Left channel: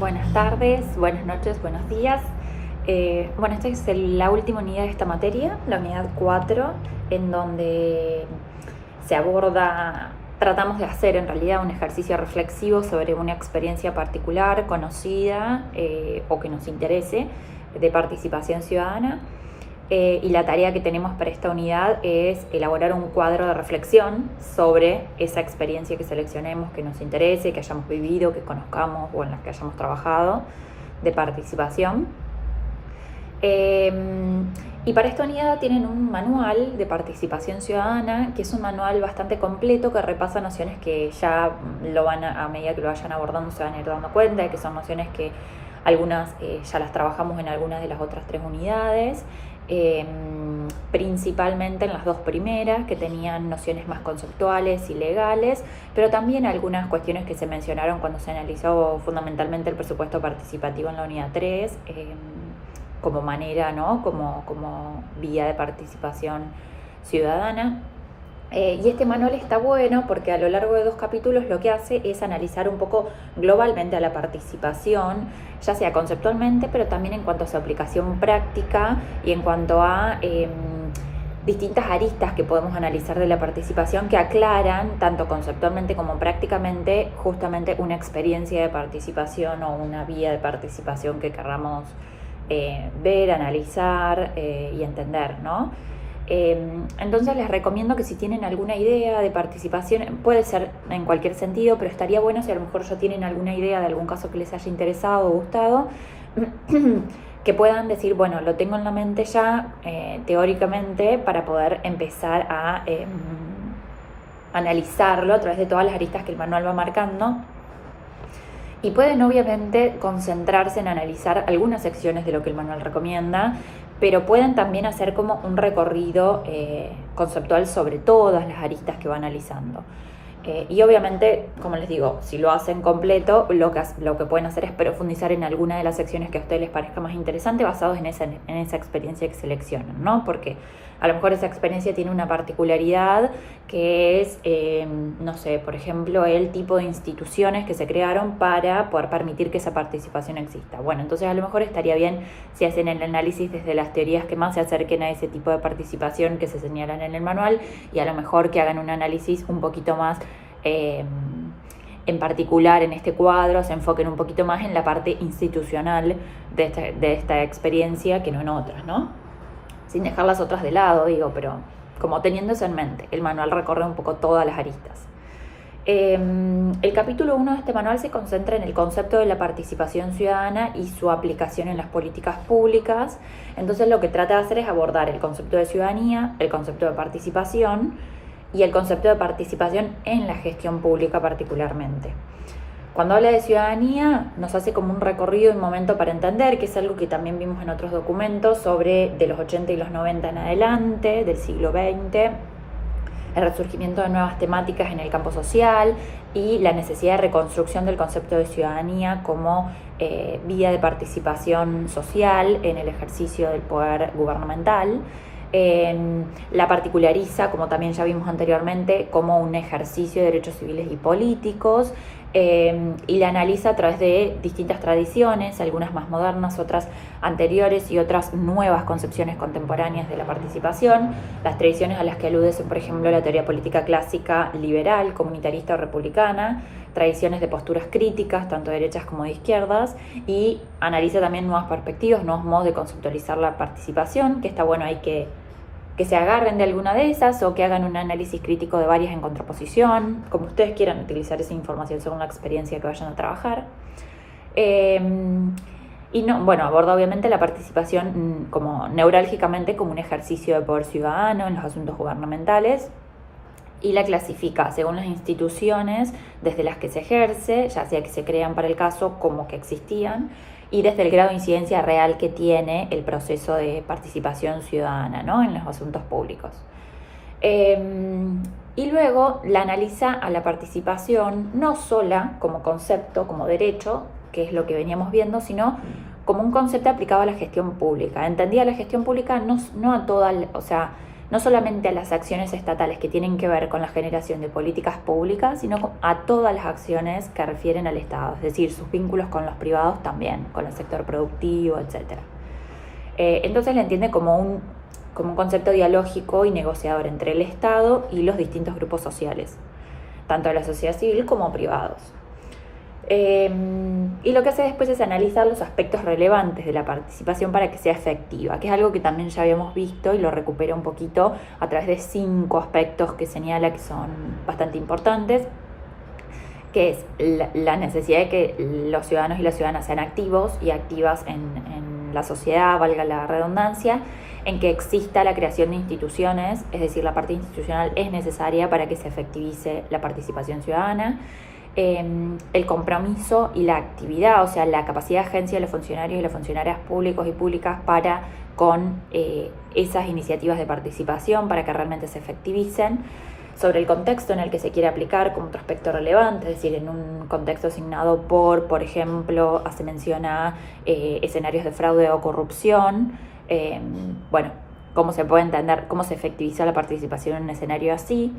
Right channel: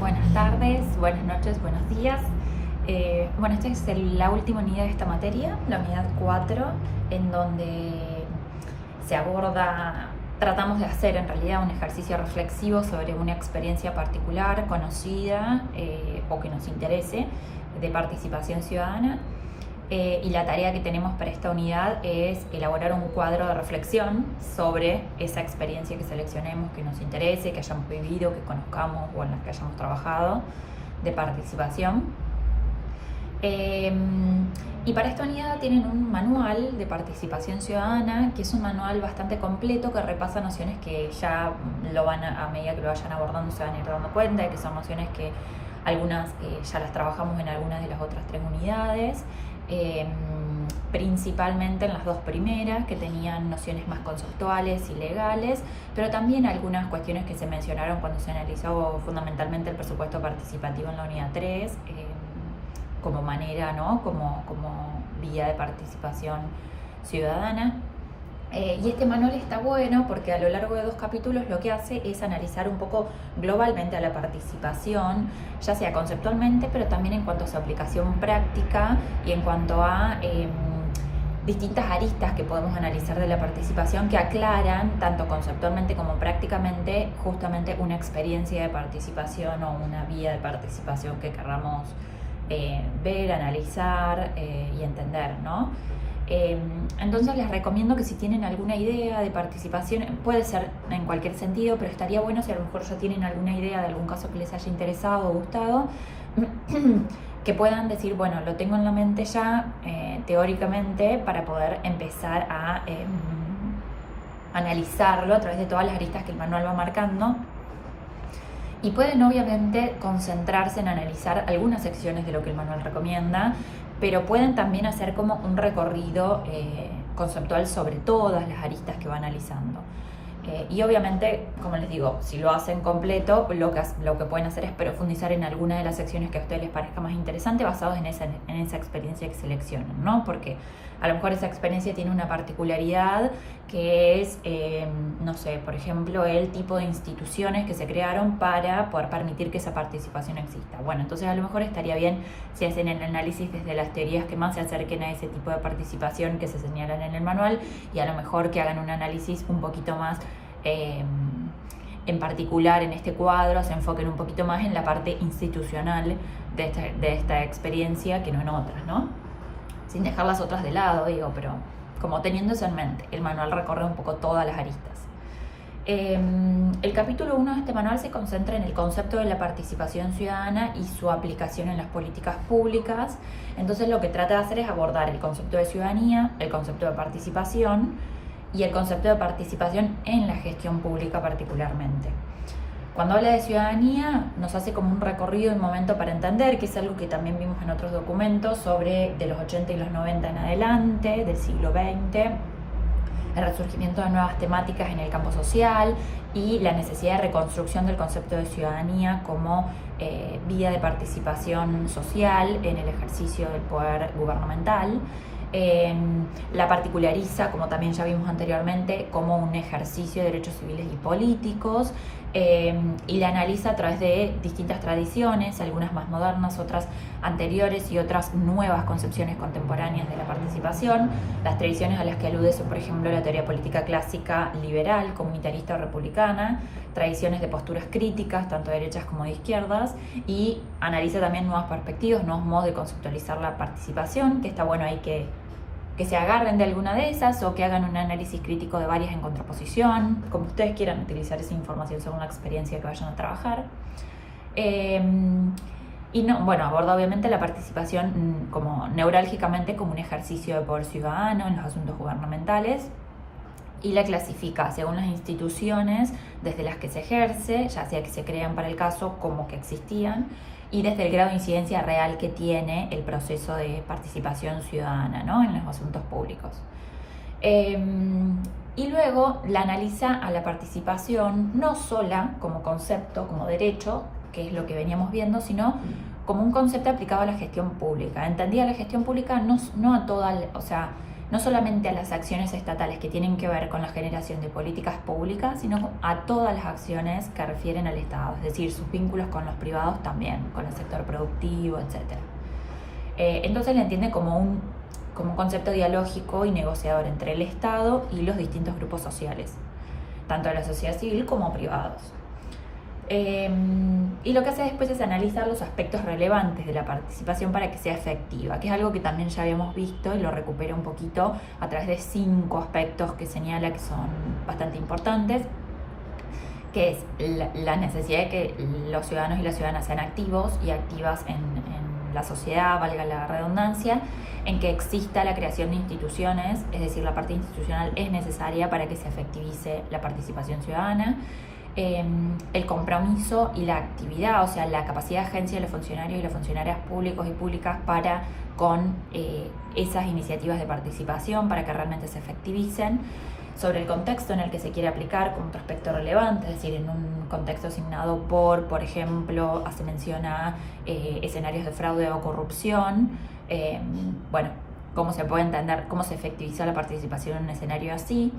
Buenas tardes, buenas noches, buenos días. Esta es la última unidad de esta materia, la unidad 4, en donde se aborda, tratamos de hacer en realidad un ejercicio reflexivo sobre una experiencia particular, conocida o que nos interese, de participación ciudadana. Y la tarea que tenemos para esta unidad es elaborar un cuadro de reflexión sobre esa experiencia que seleccionemos, que nos interese, que hayamos vivido, que conozcamos o en las que hayamos trabajado de participación. Y para esta unidad tienen un manual de participación ciudadana, que es un manual bastante completo que repasa nociones que ya a medida que lo vayan abordando se van a ir dando cuenta de que son nociones que algunas ya las trabajamos en algunas de las otras 3 unidades. Principalmente en las 2 primeras, que tenían nociones más conceptuales y legales, pero también algunas cuestiones que se mencionaron cuando se analizó fundamentalmente el presupuesto participativo en la unidad 3, como manera, ¿no? como vía de participación ciudadana. Y este manual está bueno porque a lo largo de 2 capítulos lo que hace es analizar un poco globalmente a la participación, ya sea conceptualmente, pero también en cuanto a su aplicación práctica y en cuanto a distintas aristas que podemos analizar de la participación que aclaran, tanto conceptualmente como prácticamente, justamente una experiencia de participación o una vía de participación que querramos ver, analizar y entender, ¿no? Entonces les recomiendo que si tienen alguna idea de participación, puede ser en cualquier sentido, pero estaría bueno si a lo mejor ya tienen alguna idea de algún caso que les haya interesado o gustado, que puedan decir, bueno, lo tengo en la mente ya teóricamente para poder empezar a analizarlo a través de todas las aristas que el manual va marcando. Y pueden obviamente concentrarse en analizar algunas secciones de lo que el manual recomienda, pero pueden también hacer como un recorrido conceptual sobre todas las aristas que va analizando. Y obviamente, como les digo, si lo hacen completo, lo que pueden hacer es profundizar en alguna de las secciones que a ustedes les parezca más interesante basados en esa experiencia que seleccionan, ¿no? Porque a lo mejor esa experiencia tiene una particularidad que es, no sé, por ejemplo, el tipo de instituciones que se crearon para poder permitir que esa participación exista. Bueno, entonces a lo mejor estaría bien si hacen el análisis desde las teorías que más se acerquen a ese tipo de participación que se señalan en el manual, y a lo mejor que hagan un análisis un poquito más en particular en este cuadro, se enfoquen un poquito más en la parte institucional de esta experiencia que no en otras, ¿no? Sin dejar las otras de lado, digo, pero como teniendo eso en mente. El manual recorre un poco todas las aristas. El capítulo 1 de este manual se concentra en el concepto de la participación ciudadana y su aplicación en las políticas públicas. Entonces lo que trata de hacer es abordar el concepto de ciudadanía, el concepto de participación y el concepto de participación en la gestión pública particularmente. Cuando habla de ciudadanía, nos hace como un recorrido, un momento para entender, que es algo que también vimos en otros documentos sobre de los 80 y los 90 en adelante, del siglo XX, el resurgimiento de nuevas temáticas en el campo social y la necesidad de reconstrucción del concepto de ciudadanía como vía de participación social en el ejercicio del poder gubernamental. La particulariza, como también ya vimos anteriormente, como un ejercicio de derechos civiles y políticos, y la analiza a través de distintas tradiciones, algunas más modernas, otras anteriores y otras nuevas concepciones contemporáneas de la participación. Las tradiciones a las que alude son, por ejemplo, la teoría política clásica liberal, comunitarista o republicana, tradiciones de posturas críticas, tanto de derechas como de izquierdas, y analiza también nuevas perspectivas, nuevos modos de conceptualizar la participación, que está bueno ahí que se agarren de alguna de esas o que hagan un análisis crítico de varias en contraposición, como ustedes quieran utilizar esa información según la experiencia que vayan a trabajar. Aborda obviamente la participación como neurálgicamente como un ejercicio de poder ciudadano en los asuntos gubernamentales, y la clasifica según las instituciones desde las que se ejerce, ya sea que se crean para el caso como que existían, y desde el grado de incidencia real que tiene el proceso de participación ciudadana, ¿no?, en los asuntos públicos. Y luego la analiza a la participación no sola como concepto, como derecho, que es lo que veníamos viendo, sino como un concepto aplicado a la gestión pública. Entendía la gestión pública no a toda, no solamente a las acciones estatales que tienen que ver con la generación de políticas públicas, sino a todas las acciones que refieren al Estado, es decir, sus vínculos con los privados también, con el sector productivo, etc. Entonces la entiende como un concepto dialógico y negociador entre el Estado y los distintos grupos sociales, tanto de la sociedad civil como privados. Y lo que hace después es analizar los aspectos relevantes de la participación para que sea efectiva, que es algo que también ya habíamos visto y lo recupera un poquito a través de 5 aspectos que señala que son bastante importantes, que es la necesidad de que los ciudadanos y las ciudadanas sean activos y activas en la sociedad, valga la redundancia, en que exista la creación de instituciones, es decir, la parte institucional es necesaria para que se efectivice la participación ciudadana, el compromiso y la actividad, o sea, la capacidad de agencia de los funcionarios y las funcionarias públicos y públicas para con esas iniciativas de participación para que realmente se efectivicen, sobre el contexto en el que se quiere aplicar como otro aspecto relevante, es decir, en un contexto asignado por ejemplo, hace mención a escenarios de fraude o corrupción, bueno, cómo se puede entender, cómo se efectiviza la participación en un escenario así.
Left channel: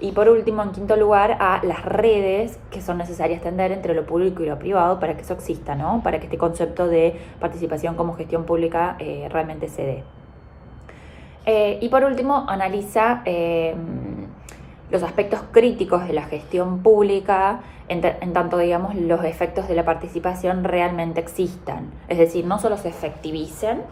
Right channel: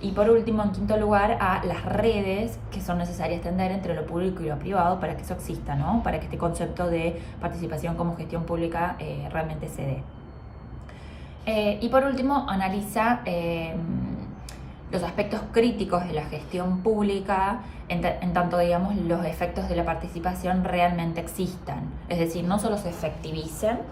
Y por último, en quinto lugar, a las redes que son necesarias tender entre lo público y lo privado para que eso exista, ¿no? Para que este concepto de participación como gestión pública realmente se dé. Y por último, analiza los aspectos críticos de la gestión pública en tanto, digamos, los efectos de la participación realmente existan. Es decir, no solo se efectivicen,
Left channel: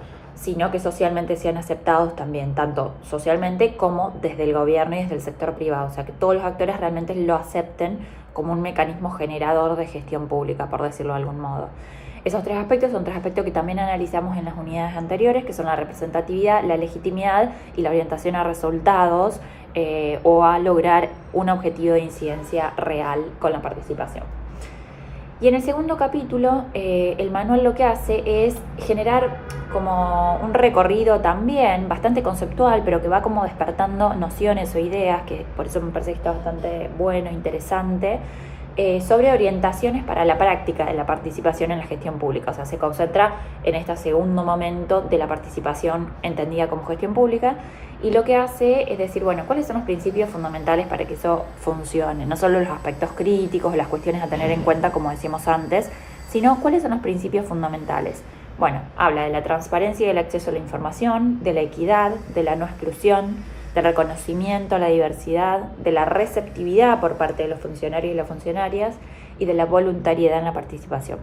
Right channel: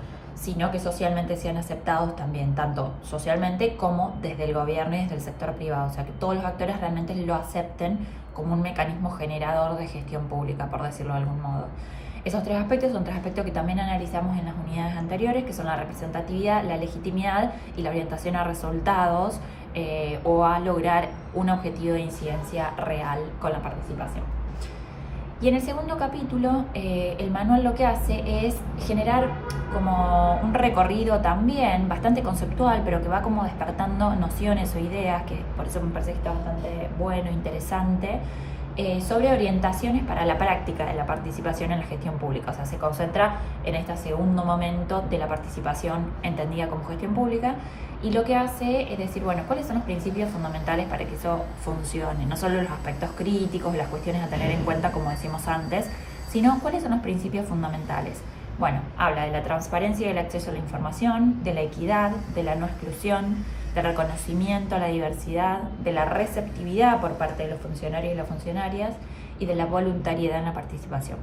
sino que socialmente sean aceptados también, tanto socialmente como desde el gobierno y desde el sector privado. O sea, que todos los actores realmente lo acepten como un mecanismo generador de gestión pública, por decirlo de algún modo. Esos 3 aspectos son 3 aspectos que también analizamos en las unidades anteriores, que son la representatividad, la legitimidad y la orientación a resultados o a lograr un objetivo de incidencia real con la participación. Y en el segundo capítulo, el manual lo que hace es generar como un recorrido también bastante conceptual, pero que va como despertando nociones o ideas, que por eso me parece que está bastante bueno, interesante, sobre orientaciones para la práctica de la participación en la gestión pública. O sea, se concentra en este segundo momento de la participación entendida como gestión pública, y lo que hace es decir, bueno, ¿cuáles son los principios fundamentales para que eso funcione? No solo los aspectos críticos, las cuestiones a tener en cuenta, como decíamos antes, sino cuáles son los principios fundamentales. Bueno, habla de la transparencia y el acceso a la información, de la equidad, de la no exclusión, del reconocimiento a la diversidad, de la receptividad por parte de los funcionarios y las funcionarias y de la voluntariedad en la participación.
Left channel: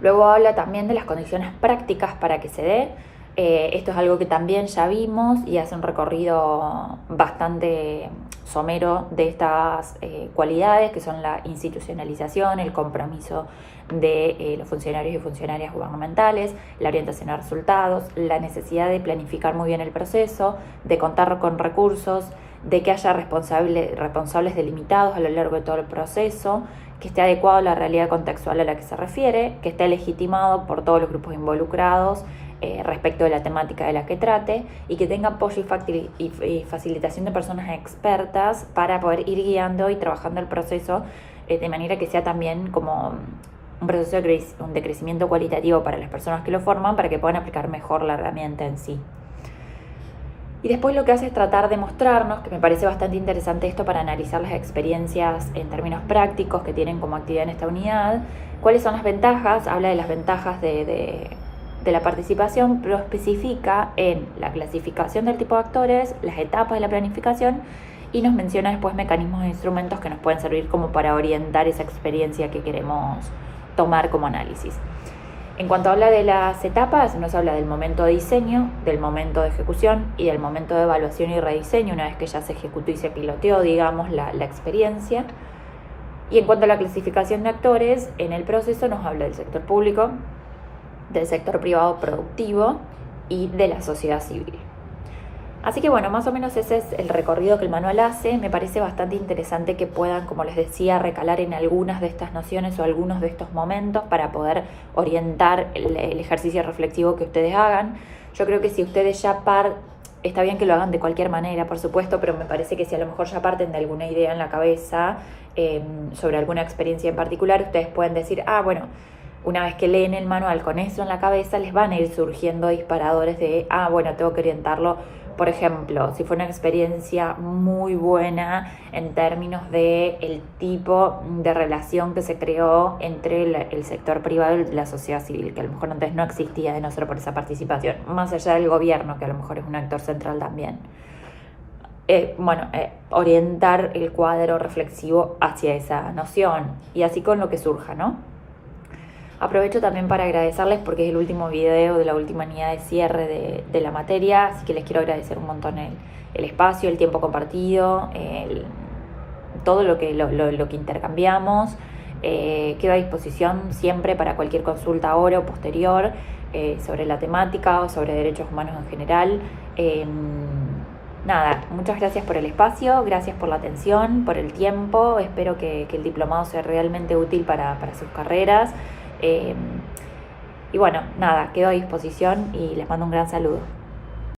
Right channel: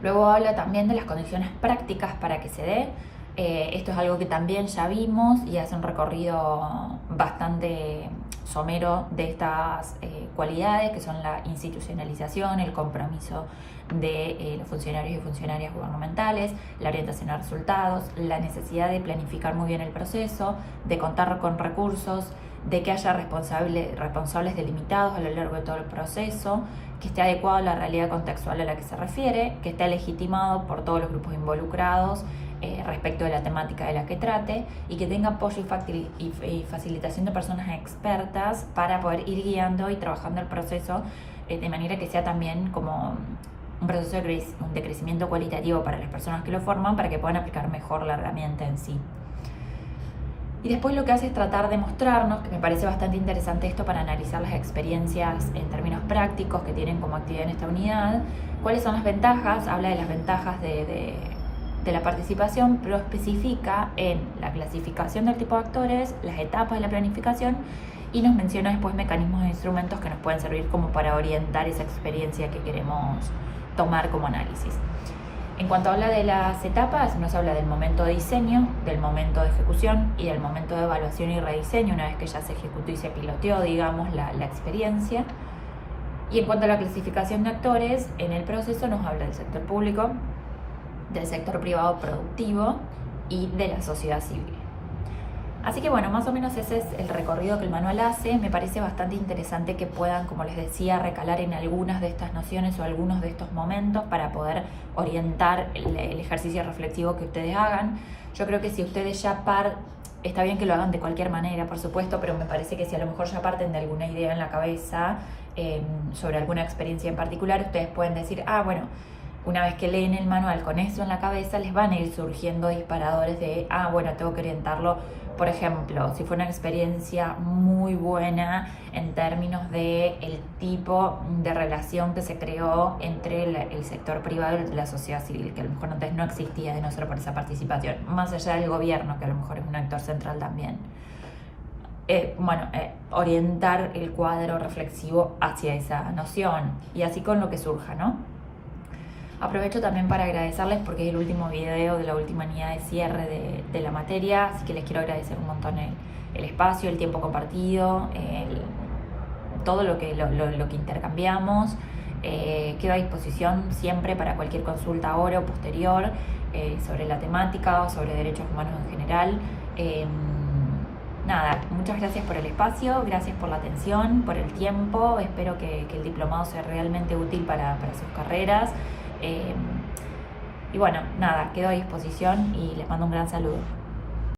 Luego habla también de las condiciones prácticas para que se dé. Esto es algo que también ya vimos y hace un recorrido bastante somero de estas cualidades, que son la institucionalización, el compromiso de los funcionarios y funcionarias gubernamentales, la orientación a resultados, la necesidad de planificar muy bien el proceso, de contar con recursos, de que haya responsables delimitados a lo largo de todo el proceso, que esté adecuado a la realidad contextual a la que se refiere, que esté legitimado por todos los grupos involucrados respecto de la temática de la que trate, y que tenga apoyo y facilitación de personas expertas para poder ir guiando y trabajando el proceso de manera que sea también como un proceso de crecimiento cualitativo para las personas que lo forman, para que puedan aplicar mejor la herramienta en sí. Y después lo que hace es tratar de mostrarnos, que me parece bastante interesante esto para analizar las experiencias en términos prácticos que tienen como actividad en esta unidad, cuáles son las ventajas. Habla de las ventajas de la participación, pero especifica en la clasificación del tipo de actores, las etapas de la planificación, y nos menciona después mecanismos e instrumentos que nos pueden servir como para orientar esa experiencia que queremos tomar como análisis. En cuanto habla de las etapas, nos habla del momento de diseño, del momento de ejecución y del momento de evaluación y rediseño, una vez que ya se ejecutó y se piloteó, digamos, la experiencia. Y en cuanto a la clasificación de actores, en el proceso nos habla del sector público, del sector privado productivo y de la sociedad civil. Así que bueno, más o menos ese es el recorrido que el manual hace. Me parece bastante interesante que puedan, como les decía, recalar en algunas de estas nociones o algunos de estos momentos para poder orientar el ejercicio reflexivo que ustedes hagan. Yo creo que si ustedes ya está bien que lo hagan de cualquier manera, por supuesto, pero me parece que si a lo mejor ya parten de alguna idea en la cabeza sobre alguna experiencia en particular, ustedes pueden decir, bueno, una vez que leen el manual con eso en la cabeza, les van a ir surgiendo disparadores de, bueno, tengo que orientarlo. Por ejemplo, si fue una experiencia muy buena en términos de el tipo de relación que se creó entre el sector privado y la sociedad civil, que a lo mejor antes no existía de no ser por esa participación, más allá del gobierno, que a lo mejor es un actor central también. Orientar el cuadro reflexivo hacia esa noción y así con lo que surja, ¿no? Aprovecho también para agradecerles porque es el último video de la última unidad de cierre de la materia, así que les quiero agradecer un montón el espacio, el tiempo compartido, todo lo que intercambiamos. Quedo a disposición siempre para cualquier consulta ahora o posterior sobre la temática o sobre derechos humanos en general. Muchas gracias por el espacio, gracias por la atención, por el tiempo. Espero que el diplomado sea realmente útil para sus carreras. Quedo a disposición y les mando un gran saludo.